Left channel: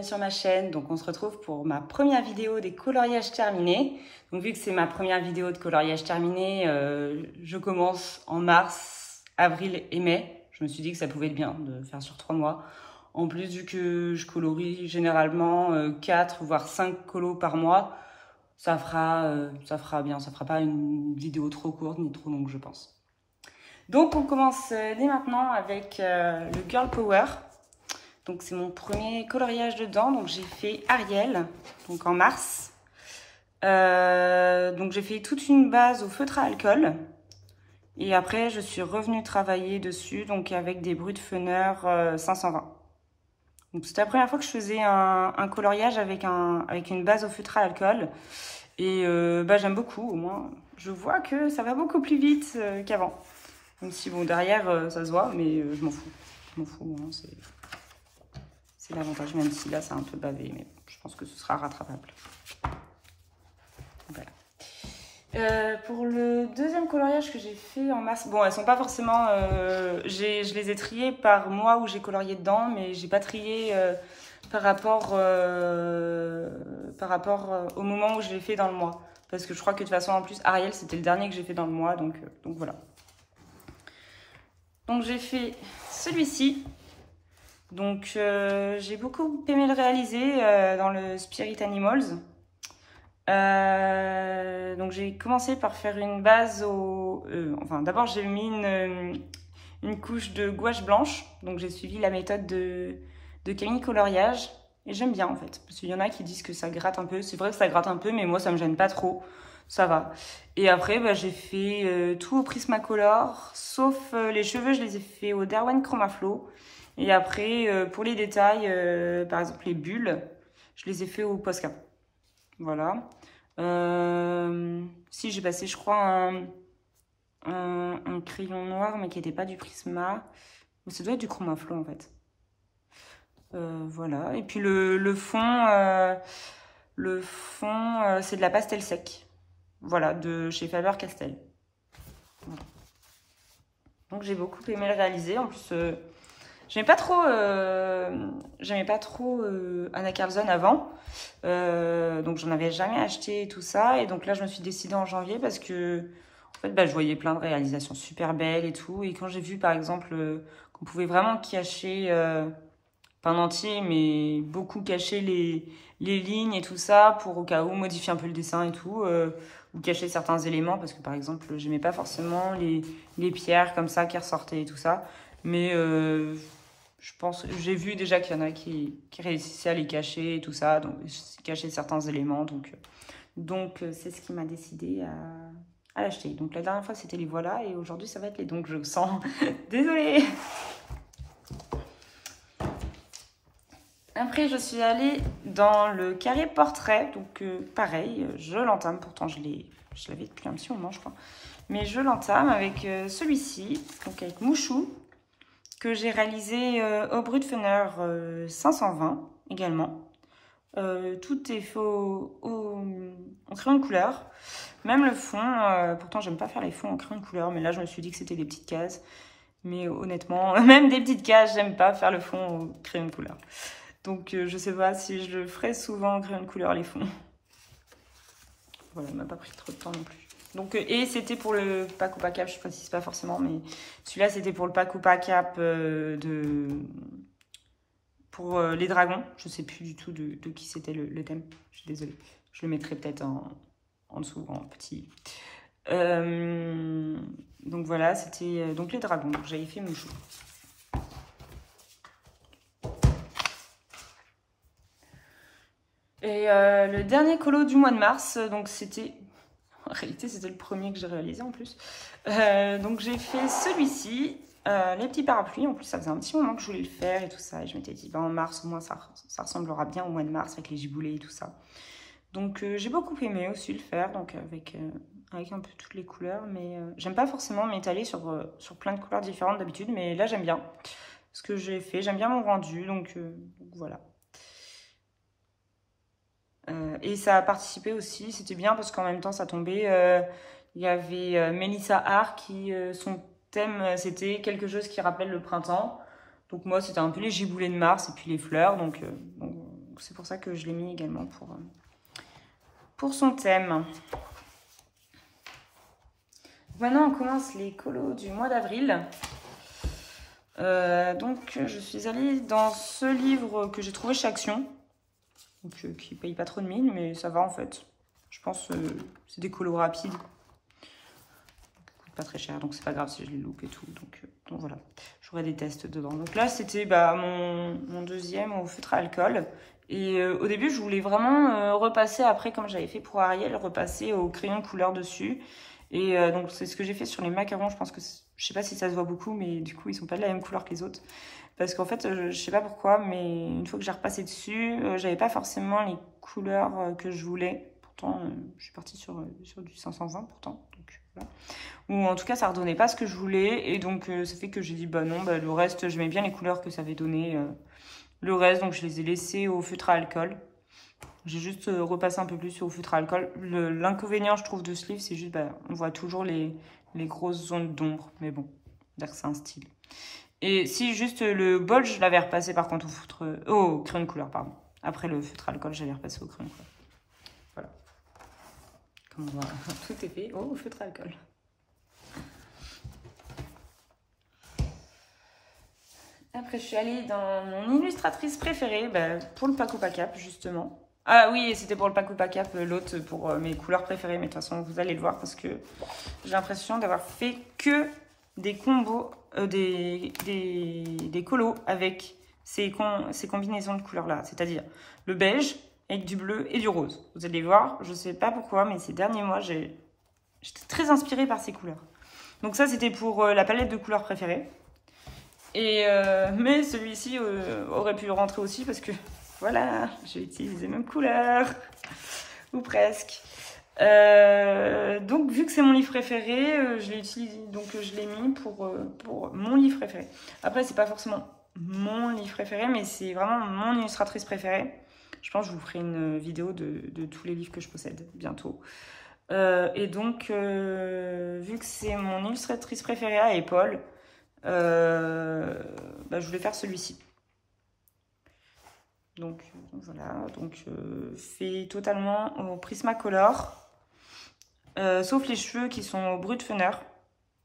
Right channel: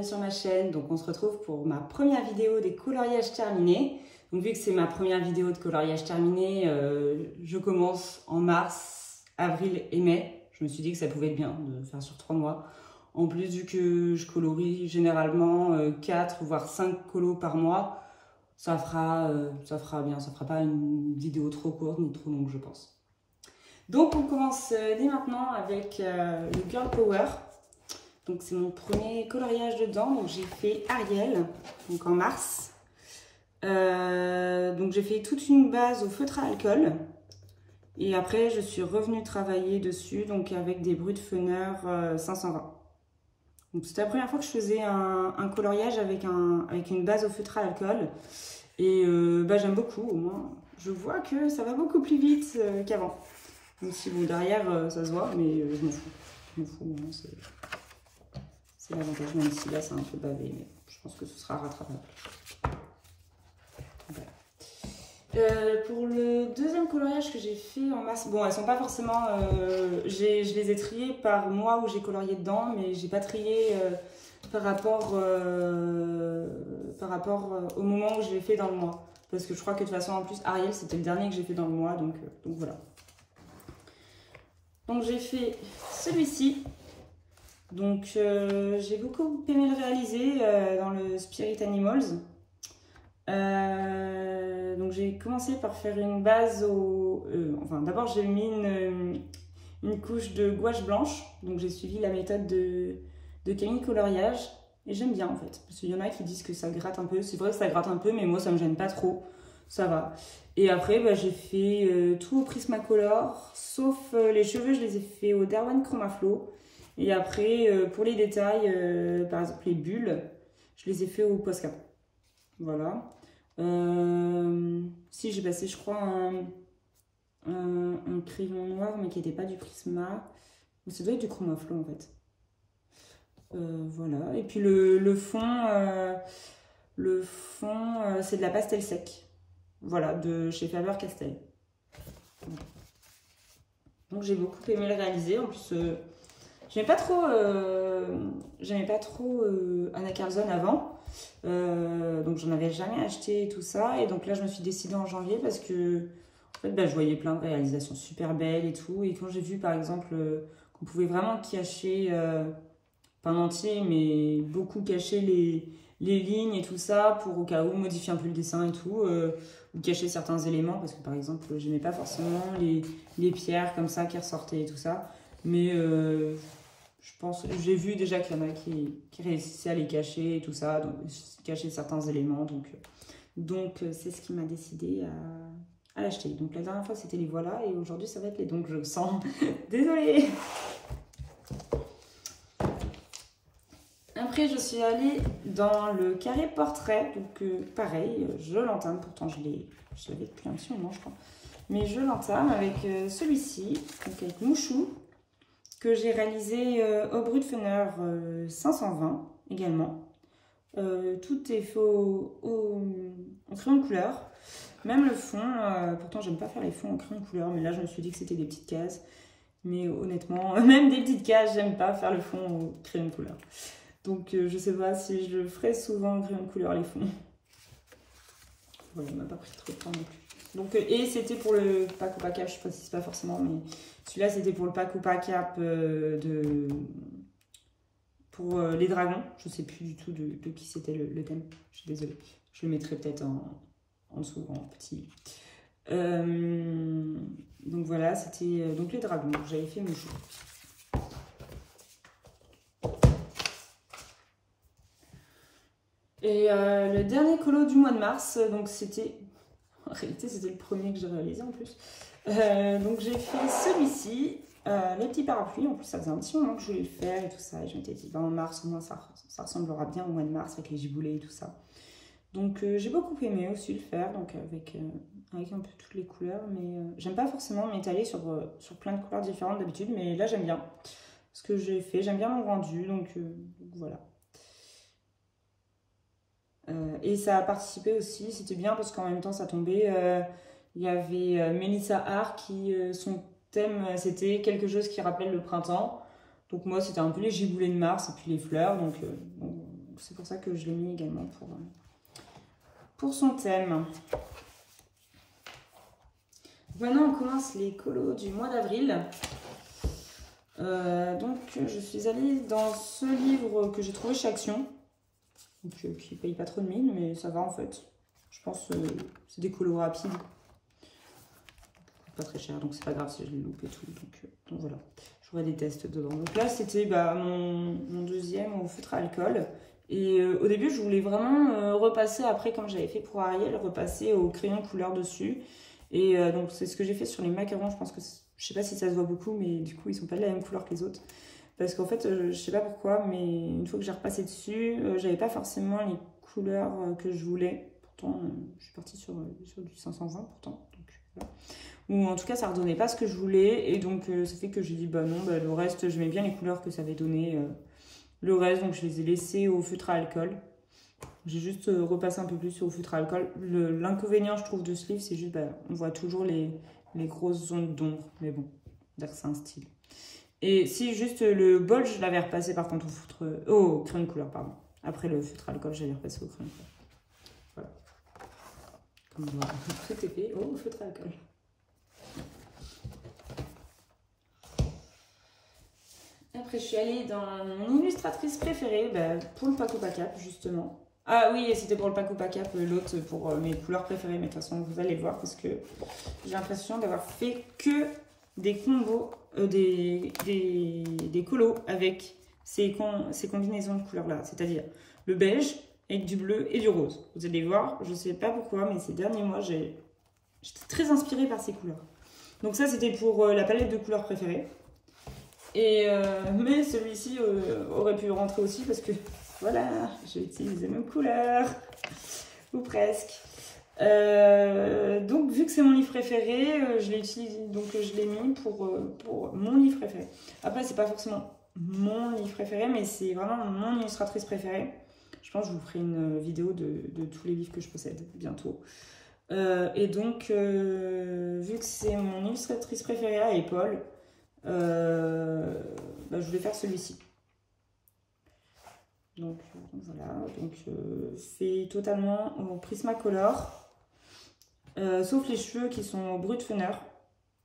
bienvenue sur ma chaîne. Donc on se retrouve pour ma première vidéo des coloriages terminés. Donc vu que c'est ma première vidéo de coloriage terminé, je commence en mars, avril et mai. Je me suis dit que ça pouvait être bien de faire sur 3 mois. En plus, vu que je colorie généralement 4 voire 5 colos par mois, ça fera bien. Ça fera pas une vidéo trop courte ni trop longue, je pense. Donc on commence dès maintenant avec le Girl Power. Donc c'est mon premier coloriage dedans. Donc j'ai fait Ariel, donc en mars. Donc j'ai fait toute une base au feutre à alcool. Et après je suis revenue travailler dessus, donc avec des Brutfener 520. Donc c'était la première fois que je faisais un coloriage avec une base au feutre à alcool. Et j'aime beaucoup, au moins je vois que ça va beaucoup plus vite qu'avant. Même si bon, derrière ça se voit, mais je m'en fous. Je m'en fous, c'est l'avantage, même si là c'est un peu bavé, mais je pense que ce sera rattrapable. Voilà. Pour le deuxième coloriage que j'ai fait en mars, bon, elles sont pas forcément, je les ai triées par mois où j'ai colorié dedans, mais j'ai pas trié par rapport au moment où je l'ai fait dans le mois, parce que je crois que de toute façon en plus Ariel c'était le dernier que j'ai fait dans le mois, donc voilà. Donc j'ai fait celui-ci. Donc j'ai beaucoup aimé le réaliser dans le Spirit Animals. Donc j'ai commencé par faire une base au... enfin d'abord j'ai mis une couche de gouache blanche. Donc j'ai suivi la méthode de Camille Coloriage. Et j'aime bien en fait. Parce qu'il y en a qui disent que ça gratte un peu. C'est vrai que ça gratte un peu, mais moi ça me gêne pas trop. Ça va. Et après j'ai fait tout au Prismacolor. Sauf les cheveux, je les ai fait au Derwent Chromaflow. Et après, pour les détails, par exemple les bulles, je les ai fait au Posca. Voilà. Si j'ai passé, je crois, un crayon noir, mais qui n'était pas du Prisma. Mais ça doit être du Chromaflow en fait. Voilà. Et puis le fond, c'est de la pastel sec. Voilà, de chez Faber-Castell. Voilà. Donc j'ai beaucoup aimé le réaliser. En plus, j'aimais pas trop Anna Carlson avant. Donc j'en avais jamais acheté et tout ça. Et donc là, je me suis décidée en janvier parce que en fait, je voyais plein de réalisations super belles et tout. Et quand j'ai vu par exemple qu'on pouvait vraiment cacher, pas en entier, mais beaucoup cacher les lignes et tout ça pour au cas où modifier un peu le dessin et tout. Ou cacher certains éléments parce que par exemple, j'aimais pas forcément les pierres comme ça qui ressortaient et tout ça. Mais je pense, j'ai vu déjà qu'il y en a qui réussissaient à les cacher et tout ça, donc cacher certains éléments. Donc c'est ce qui m'a décidé à l'acheter. Donc la dernière fois c'était les voilà et aujourd'hui ça va être les. Donc je sens désolée. Après je suis allée dans le carré portrait, donc pareil, je l'entame. Pourtant je l'avais depuis un petit moment je crois, mais je l'entame avec celui-ci, donc avec Mouchou, que j'ai réalisé au Brutfener 520 également. Tout est fait en crayon de couleur. Même le fond, pourtant j'aime pas faire les fonds en crayon de couleur, mais là je me suis dit que c'était des petites cases. Mais honnêtement, même des petites cases, j'aime pas faire le fond en crayon de couleur. Donc je sais pas si je le ferai souvent en crayon de couleur les fonds. Voilà, on m'a pas pris trop de temps non plus. Donc, et c'était pour le pack ou pas cap, je ne précise pas forcément, mais celui-là c'était pour le pack ou pas cap pour les dragons. Je ne sais plus du tout de qui c'était le thème. Je suis désolée. Je le mettrai peut-être en dessous, en petit. Donc voilà, c'était donc les dragons. J'avais fait Mouchou. Et le dernier colo du mois de mars, donc c'était... En réalité, c'était le premier que j'ai réalisé en plus. Donc j'ai fait celui-ci, les petits parapluies. En plus, ça faisait un petit moment que je voulais le faire et tout ça. Et je m'étais dit, en mars, au moins, ça ressemblera bien au mois de mars avec les giboulées et tout ça. Donc j'ai beaucoup aimé aussi le faire, donc avec un peu toutes les couleurs. Mais j'aime pas forcément m'étaler sur plein de couleurs différentes d'habitude. Mais là, j'aime bien ce que j'ai fait. J'aime bien mon rendu, donc voilà. Et ça a participé aussi, c'était bien parce qu'en même temps ça tombait, il y avait Mélissa Hart qui, son thème c'était quelque chose qui rappelle le printemps. Donc moi c'était un peu les giboulées de mars et puis les fleurs, donc c'est pour ça que je l'ai mis également pour son thème. Maintenant, on commence les colos du mois d'avril. Donc, je suis allée dans ce livre que j'ai trouvé chez Action. Donc, qui ne paye pas trop de mine, mais ça va en fait. Je pense que c'est des colos rapides. Pas très cher, donc c'est pas grave si je les loupe et tout. Donc voilà, j'aurai des tests devant. Donc là, c'était mon deuxième au feutre à alcool. Et au début, je voulais vraiment repasser après, comme j'avais fait pour Ariel, repasser au crayon couleur dessus. Et donc, c'est ce que j'ai fait sur les macarons. Je pense que, je sais pas si ça se voit beaucoup, mais du coup, ils sont pas de la même couleur que les autres. Parce qu'en fait, je sais pas pourquoi, mais une fois que j'ai repassé dessus, j'avais pas forcément les couleurs que je voulais. Pourtant, je suis partie sur du 520 pourtant. Donc voilà. Ou en tout cas, ça redonnait pas ce que je voulais. Et donc, ça fait que j'ai dit, bah non, le reste, j'aimais bien les couleurs que ça avait donné. Le reste, donc je les ai laissés au feutre à alcool. J'ai juste repassé un peu plus au feutre à alcool. L'inconvénient, je trouve, de ce livre, c'est juste, on voit toujours les grosses zones d'ombre. Mais bon, c'est-à-dire que c'est un style. Et si juste le bol, je l'avais repassé par contre au crayon de couleur, pardon. Après le feutre à alcool, j'avais repassé au crayon de couleur. Voilà. Comme on voit, tout est fait au feutre à alcool. Après, je suis allée dans mon illustratrice préférée, pour le Paco Pacap, justement. Ah oui, c'était pour le Paco Pacap, l'autre pour mes couleurs préférées. Mais de toute façon, vous allez le voir parce que j'ai l'impression d'avoir fait que des combos, des colos avec ces combinaisons de couleurs-là. C'est-à-dire le beige avec du bleu et du rose. Vous allez voir, je ne sais pas pourquoi, mais ces derniers mois, j'étais très inspirée par ces couleurs. Donc ça, c'était pour la palette de couleurs préférée. Et mais celui-ci aurait pu rentrer aussi parce que voilà, j'ai utilisé les mêmes couleurs ou presque. Donc vu que c'est mon livre préféré, je l'ai utilisé, donc je l'ai mis pour mon livre préféré. Après, c'est pas forcément mon livre préféré, mais c'est vraiment mon illustratrice préférée. Je pense que je vous ferai une vidéo de tous les livres que je possède bientôt. Et donc vu que c'est mon illustratrice préférée à Paul, je voulais faire celui-ci. Donc voilà, fait totalement au Prismacolor, sauf les cheveux qui sont au Brutfener,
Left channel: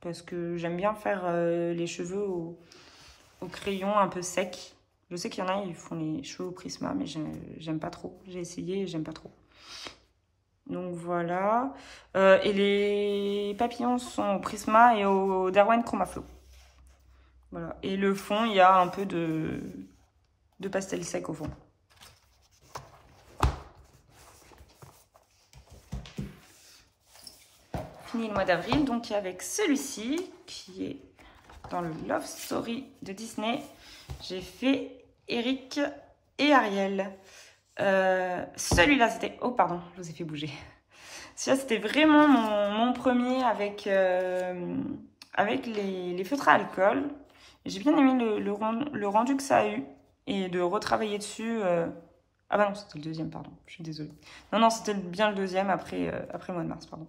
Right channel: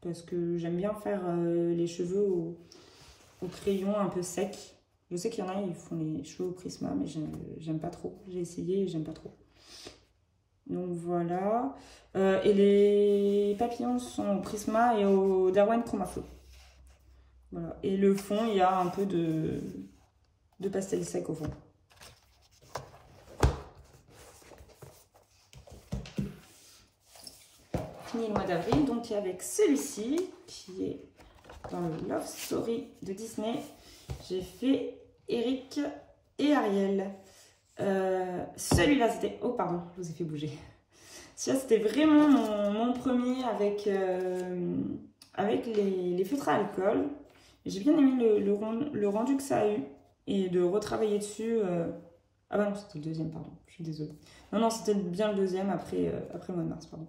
parce que j'aime bien faire les cheveux au crayon un peu sec. Je sais qu'il y en a, ils font les cheveux au Prisma, mais j'aime pas trop. J'ai essayé et j'aime pas trop. Donc voilà. Et les papillons sont au Prisma et au Derwent Chromaflow. Voilà. Et le fond, il y a un peu de pastel sec au fond. Fini le mois d'avril, donc avec celui-ci qui est dans le Love Story de Disney. J'ai fait Eric et Ariel. Celui-là, c'était... Oh, pardon, je vous ai fait bouger. Celui-là, c'était vraiment mon premier avec les feutres à alcool. J'ai bien aimé le rendu que ça a eu et de retravailler dessus. Ah bah non, c'était le deuxième, pardon. Je suis désolée. Non, c'était bien le deuxième après le mois de mars, pardon.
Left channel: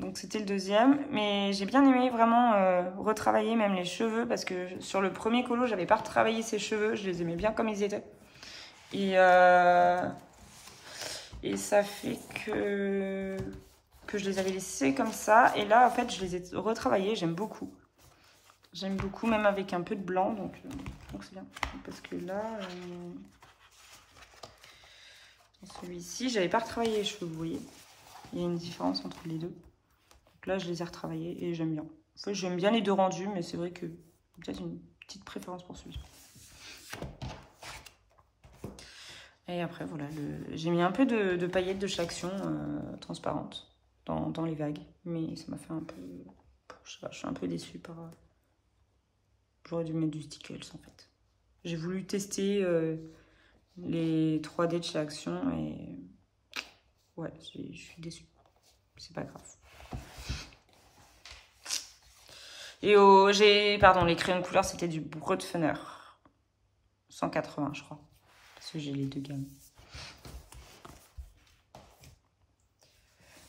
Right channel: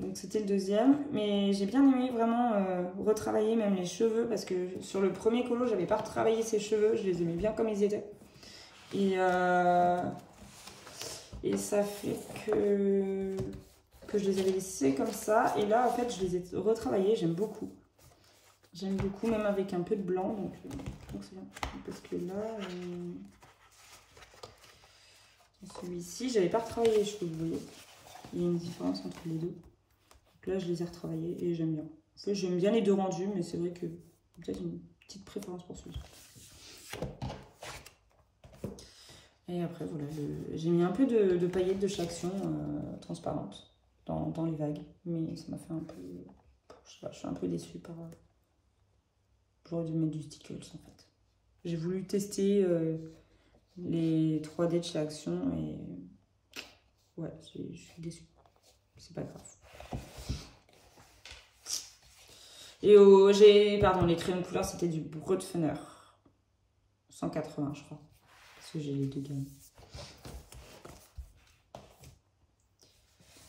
Donc c'était le deuxième. Mais j'ai bien aimé vraiment retravailler même les cheveux parce que sur le premier colo, j'avais pas retravaillé ses cheveux. Je les aimais bien comme ils étaient. Et ça fait que je les avais laissés comme ça. Et là, en fait, je les ai retravaillés. J'aime beaucoup. J'aime beaucoup, même avec un peu de blanc. Donc c'est bien. Parce que là, celui-ci, j'avais pas retravaillé les cheveux, vous voyez. Il y a une différence entre les deux. Donc là, je les ai retravaillés et j'aime bien. En fait, j'aime bien les deux rendus, mais c'est vrai que peut-être une petite préférence pour celui-ci. Et après, voilà, j'ai mis un peu de paillettes de chez Action transparentes dans les vagues. Mais ça m'a fait un peu... Je sais pas, je suis un peu déçue par... J'aurais dû mettre du Stickles, en fait. J'ai voulu tester les 3D de chez Action et... Ouais, je suis déçue. C'est pas grave. Et les crayons de couleur, c'était du Brutfener. 180, je crois. Parce que j'ai les deux gammes.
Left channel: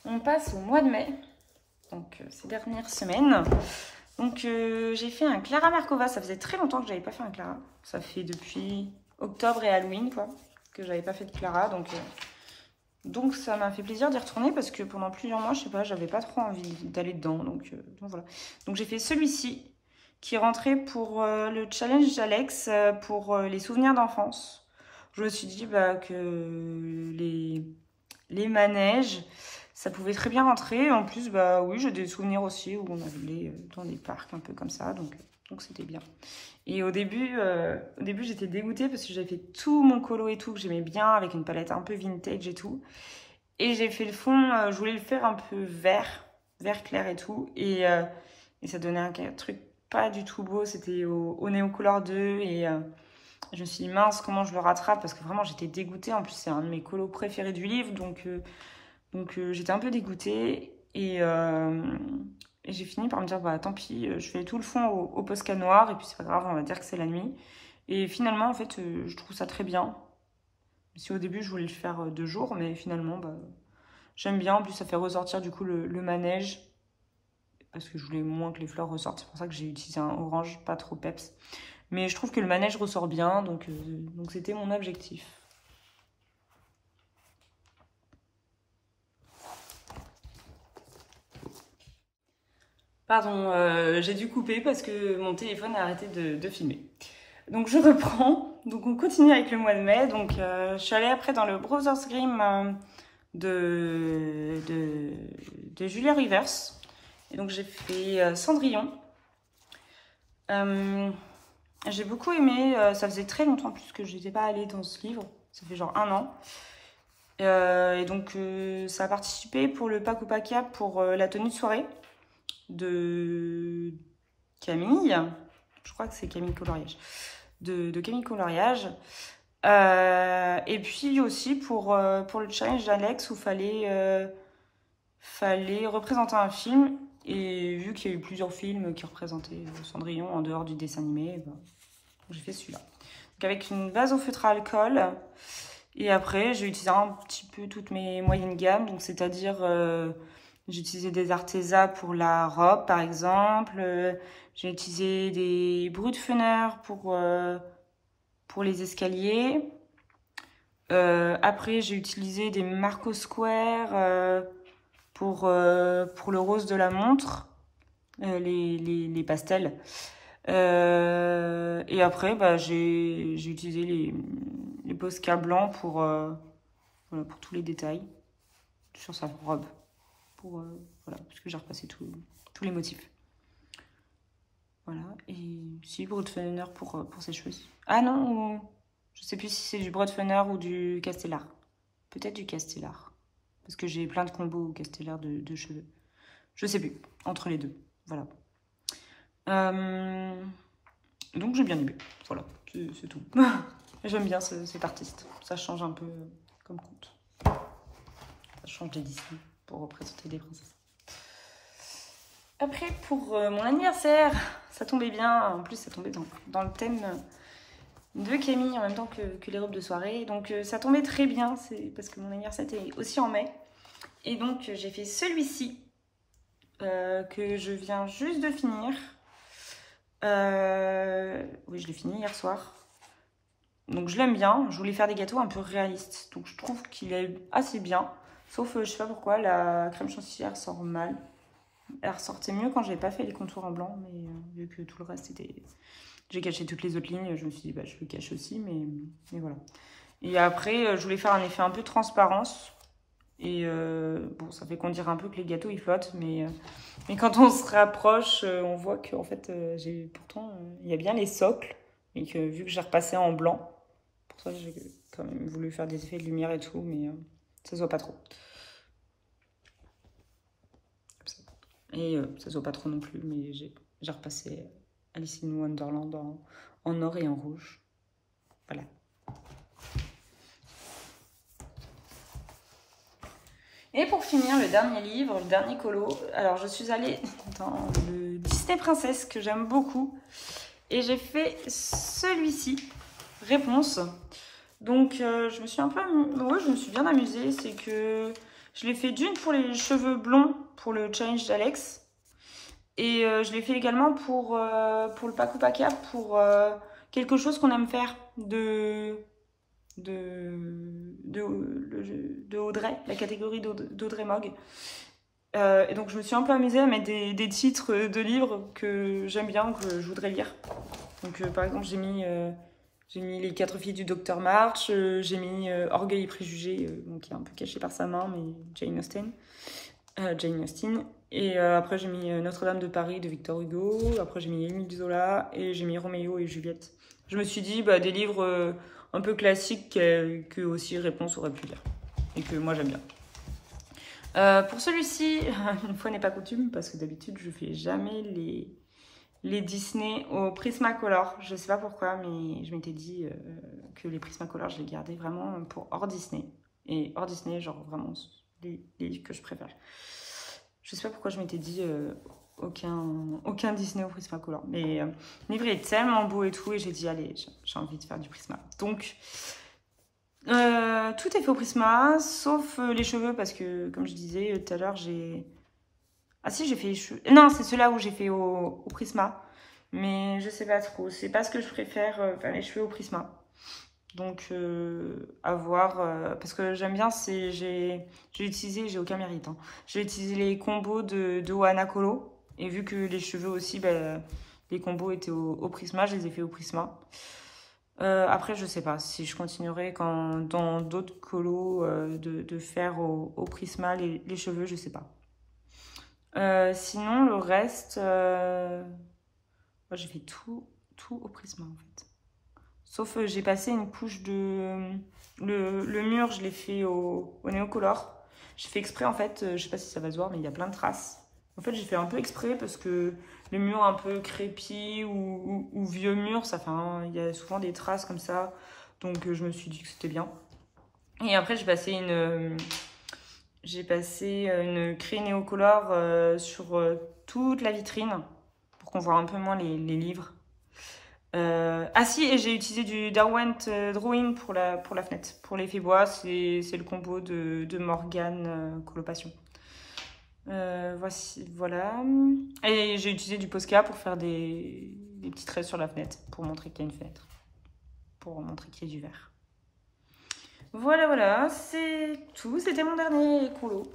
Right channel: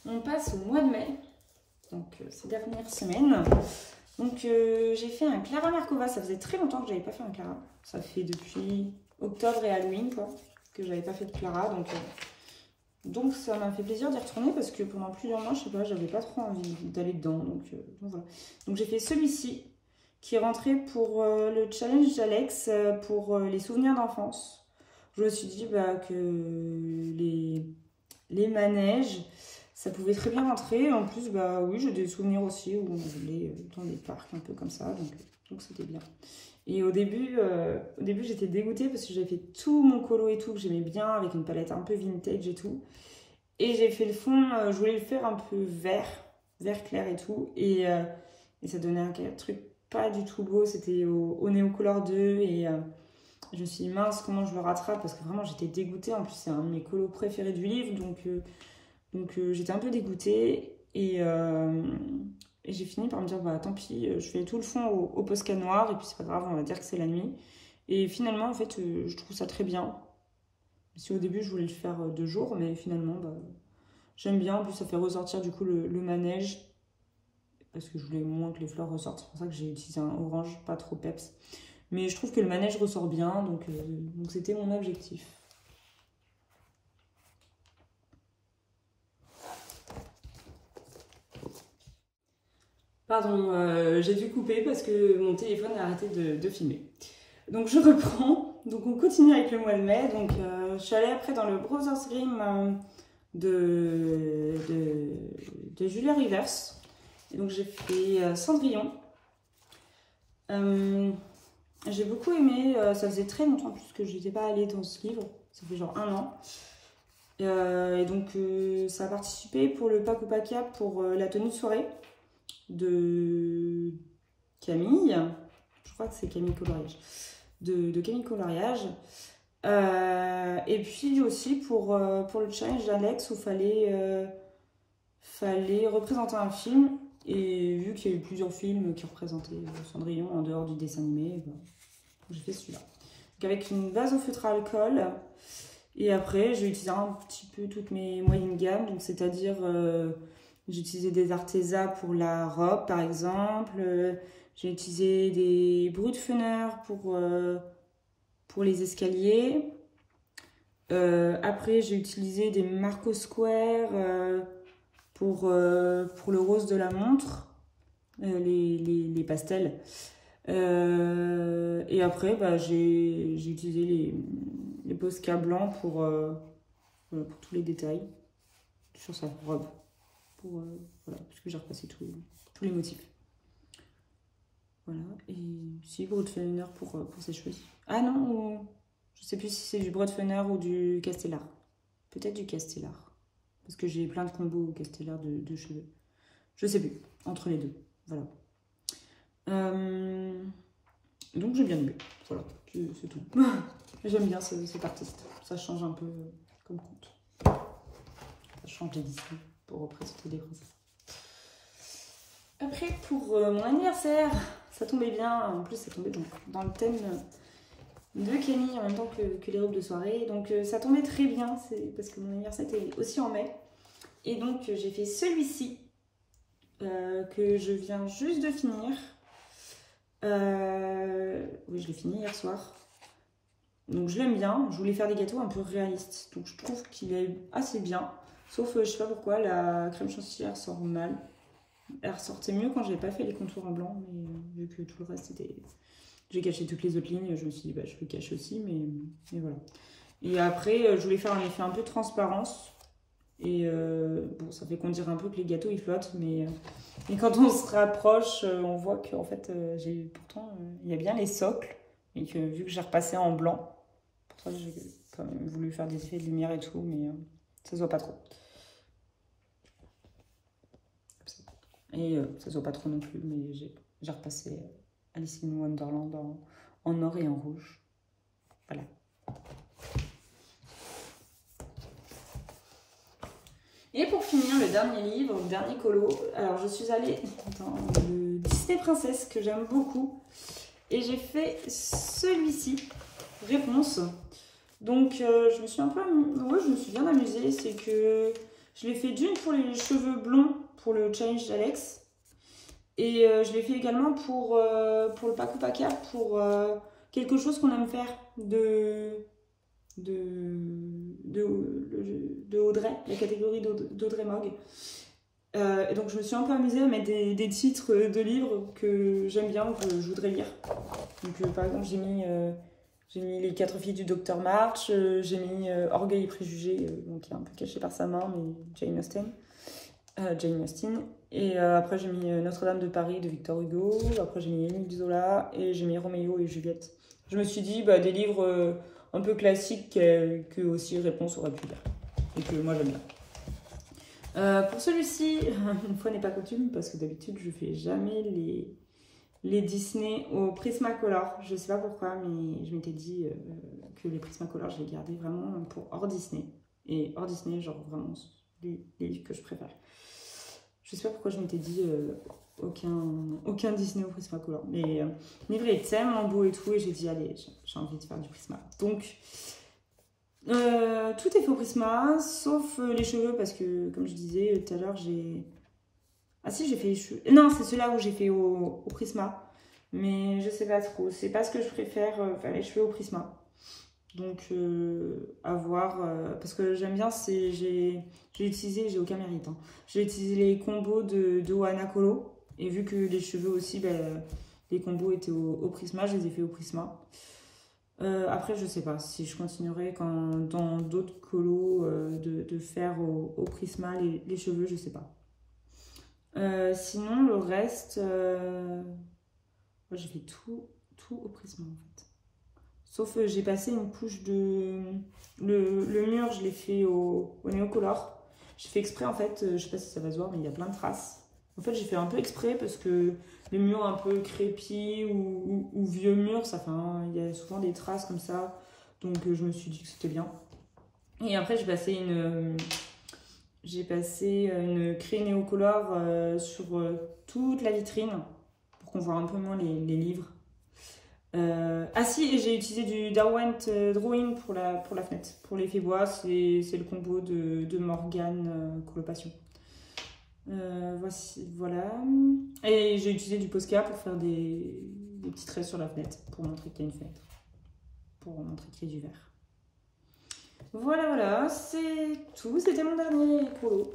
On passe au mois de mai. Donc, ces dernières semaines. Donc, j'ai fait un Clara Markova. Ça faisait très longtemps que j'avais pas fait un Clara. Ça fait depuis octobre et Halloween, quoi, que j'avais pas fait de Clara, donc ça m'a fait plaisir d'y retourner parce que pendant plusieurs mois, je sais pas, j'avais pas trop envie d'aller dedans, donc voilà. Donc j'ai fait celui-ci qui est rentré pour le challenge d'Alex pour les souvenirs d'enfance. Je me suis dit bah, que les manèges, ça pouvait très bien rentrer. En plus, bah oui, j'ai des souvenirs aussi où on allait dans des parcs un peu comme ça, donc c'était bien. Et au début j'étais dégoûtée parce que j'avais fait tout mon colo et tout, que j'aimais bien, avec une palette un peu vintage et tout. Et j'ai fait le fond, je voulais le faire un peu vert clair et tout. Et ça donnait un truc pas du tout beau, c'était au Néocolor 2. Et je me suis dit, mince, comment je le rattrape? Parce que vraiment, j'étais dégoûtée. En plus, c'est un de mes colos préférés du livre, donc j'étais un peu dégoûtée. Et j'ai fini par me dire, bah tant pis, je fais tout le fond au Posca noir, et puis c'est pas grave, on va dire que c'est la nuit. Et finalement, en fait, je trouve ça très bien. Si au début, je voulais le faire 2 jours, mais finalement, bah, j'aime bien. En plus, ça fait ressortir du coup le manège, parce que je voulais moins que les fleurs ressortent. C'est pour ça que j'ai utilisé un orange, pas trop peps. Mais je trouve que le manège ressort bien, donc c'était mon objectif. Pardon, j'ai dû couper parce que mon téléphone a arrêté de filmer. Donc je reprends. Donc on continue avec le mois de mai. Donc je suis allée après dans le Brothers Grimm de Julia Rivers. Et donc j'ai fait Cendrillon. J'ai beaucoup aimé. Ça faisait très longtemps en plus que je n'étais pas allée dans ce livre. Ça fait genre 1 an. Et donc ça a participé pour le Paco Paca pour la tenue de soirée de Camille. Je crois que c'est Camille Coloriage. De Camille Coloriage. Et puis aussi pour le challenge d'Alex où fallait représenter un film. Et vu qu'il y a eu plusieurs films qui représentaient Cendrillon en dehors du dessin animé, ben, j'ai fait celui-là. Donc avec une base au feutre à alcool. Et après, j'ai utilisé un petit peu toutes mes moyennes gammes. Donc c'est-à-dire, j'ai utilisé des Arteza pour la robe par exemple. J'ai utilisé des Brutfener pour les escaliers. Après, j'ai utilisé des Marco Square pour le rose de la montre, les pastels. Et après, bah, j'ai utilisé les Posca blancs pour tous les détails sur sa robe. Voilà, parce que j'ai repassé tous les motifs. Voilà, et si Brutfener pour ses cheveux. Ah non, je sais plus si c'est du Brutfener ou du Castellar. Peut-être du Castellar. Parce que j'ai plein de combos Castellar de cheveux. Je sais plus, entre les deux. Voilà. Donc j'ai bien aimé. Voilà, c'est tout. J'aime bien cet artiste. Ça change un peu comme conte. Ça change les Disney pour représenter des princesses. Après, pour mon anniversaire, ça tombait bien. En plus, ça tombait dans le thème de Camille en même temps que les robes de soirée. Donc ça tombait très bien, c'est parce que mon anniversaire était aussi en mai. Et donc j'ai fait celui-ci que je viens juste de finir. Oui, je l'ai fini hier soir. Donc je l'aime bien. Je voulais faire des gâteaux un peu réalistes. Donc je trouve qu'il est assez bien. Sauf, je sais pas pourquoi, la crème chantilly ressort mal. Elle ressortait mieux quand j'ai pas fait les contours en blanc. Mais vu que tout le reste était... J'ai caché toutes les autres lignes. Je me suis dit, bah, je le cache aussi. Mais voilà. Et après, je voulais faire un effet un peu transparence. Et bon, ça fait qu'on dirait un peu que les gâteaux, ils flottent. Mais quand on se rapproche, on voit qu'en fait, pourtant, il y a bien les socles. Et que vu que j'ai repassé en blanc, pour ça, j'ai quand même voulu faire des effets de lumière et tout. Mais ça se voit pas trop. Comme ça. Et ça se voit pas trop non plus. Mais j'ai repassé Alice in Wonderland en or et en rouge. Voilà. Et pour finir, le dernier livre, le dernier colo. Alors, je suis allée dans le Disney Princesse que j'aime beaucoup. Et j'ai fait celui-ci, Réponse. Donc, je me suis je me suis bien amusée. C'est que je l'ai fait d'une pour les cheveux blonds pour le challenge d'Alex. Et je l'ai fait également pour le Paco Paca, pour quelque chose qu'on aime faire de Audrey, la catégorie d'Audrey Mogg. Et donc je me suis un peu amusée à mettre des titres de livres que j'aime bien, que je voudrais lire. Donc par exemple j'ai mis Les 4 filles du Docteur March, j'ai mis Orgueil et préjugés, donc qui est un peu caché par sa main, mais Jane Austen. Et après j'ai mis Notre-Dame de Paris de Victor Hugo, après j'ai mis Émile Zola et j'ai mis Roméo et Juliette. Je me suis dit des livres un peu classiques que aussi Réponse aurait pu lire et que moi j'aime bien. Pour celui-ci, une fois n'est pas coutume, parce que d'habitude je fais jamais les Disney au Prismacolor. Je sais pas pourquoi, mais je m'étais dit que les Prismacolor je les gardais vraiment pour hors Disney. Et hors Disney, genre vraiment les livres que je préfère. Je sais pas pourquoi je m'étais dit aucun Disney au Prismacolor. Mais le livre est tellement beau et tout, et j'ai dit allez, j'ai envie de faire du Prisma. Donc tout est fait au Prisma, sauf les cheveux, parce que comme je disais tout à l'heure, j'ai... Ah si, j'ai fait les cheveux... Non, c'est ceux-là où j'ai fait au Prisma. Mais je sais pas trop, c'est pas ce que je préfère, faire les cheveux au Prisma. Donc à voir, parce que j'aime bien, j'ai utilisé, j'ai aucun mérite, hein. J'ai utilisé les combos de Ohana Colo. Et vu que les cheveux aussi, les combos étaient au Prisma, je les ai fait au Prisma. Après, je sais pas si je continuerai dans d'autres colos de faire au Prisma les cheveux, je sais pas. Sinon, le reste, moi j'ai fait tout au Prisma en fait. Sauf j'ai passé une couche de... Le mur, je l'ai fait au Néocolor. J'ai fait exprès en fait, je sais pas si ça va se voir, mais il y a plein de traces. En fait, j'ai fait un peu exprès parce que les murs un peu crépis ou vieux murs, ça fait il y a souvent des traces comme ça. Donc je me suis dit que c'était bien. Et après, j'ai passé une craie Néocolor sur toute la vitrine pour qu'on voit un peu moins les livres. Ah si, et j'ai utilisé du Derwent Drawing pour la fenêtre. Pour l'effet bois, c'est le combo de Morgane Coloration. Voici, voilà. Et j'ai utilisé du Posca pour faire des petits traits sur la fenêtre, pour montrer qu'il y a une fenêtre. Pour montrer qu'il y a du verre. Voilà, c'est tout. C'était mon dernier colo.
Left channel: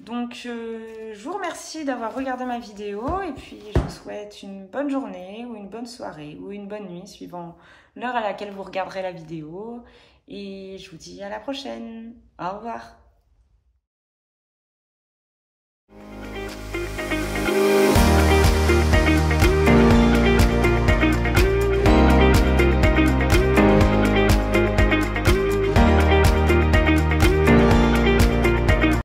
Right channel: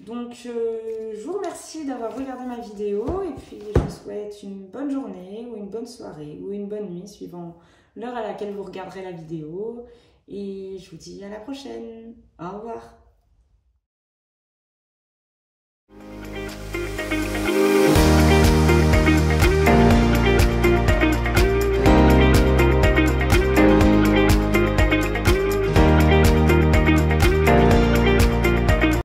Donc, je vous remercie d'avoir regardé ma vidéo et puis je vous souhaite une bonne journée ou une bonne soirée ou une bonne nuit suivant l'heure à laquelle vous regarderez la vidéo. Et je vous dis à la prochaine. Au revoir.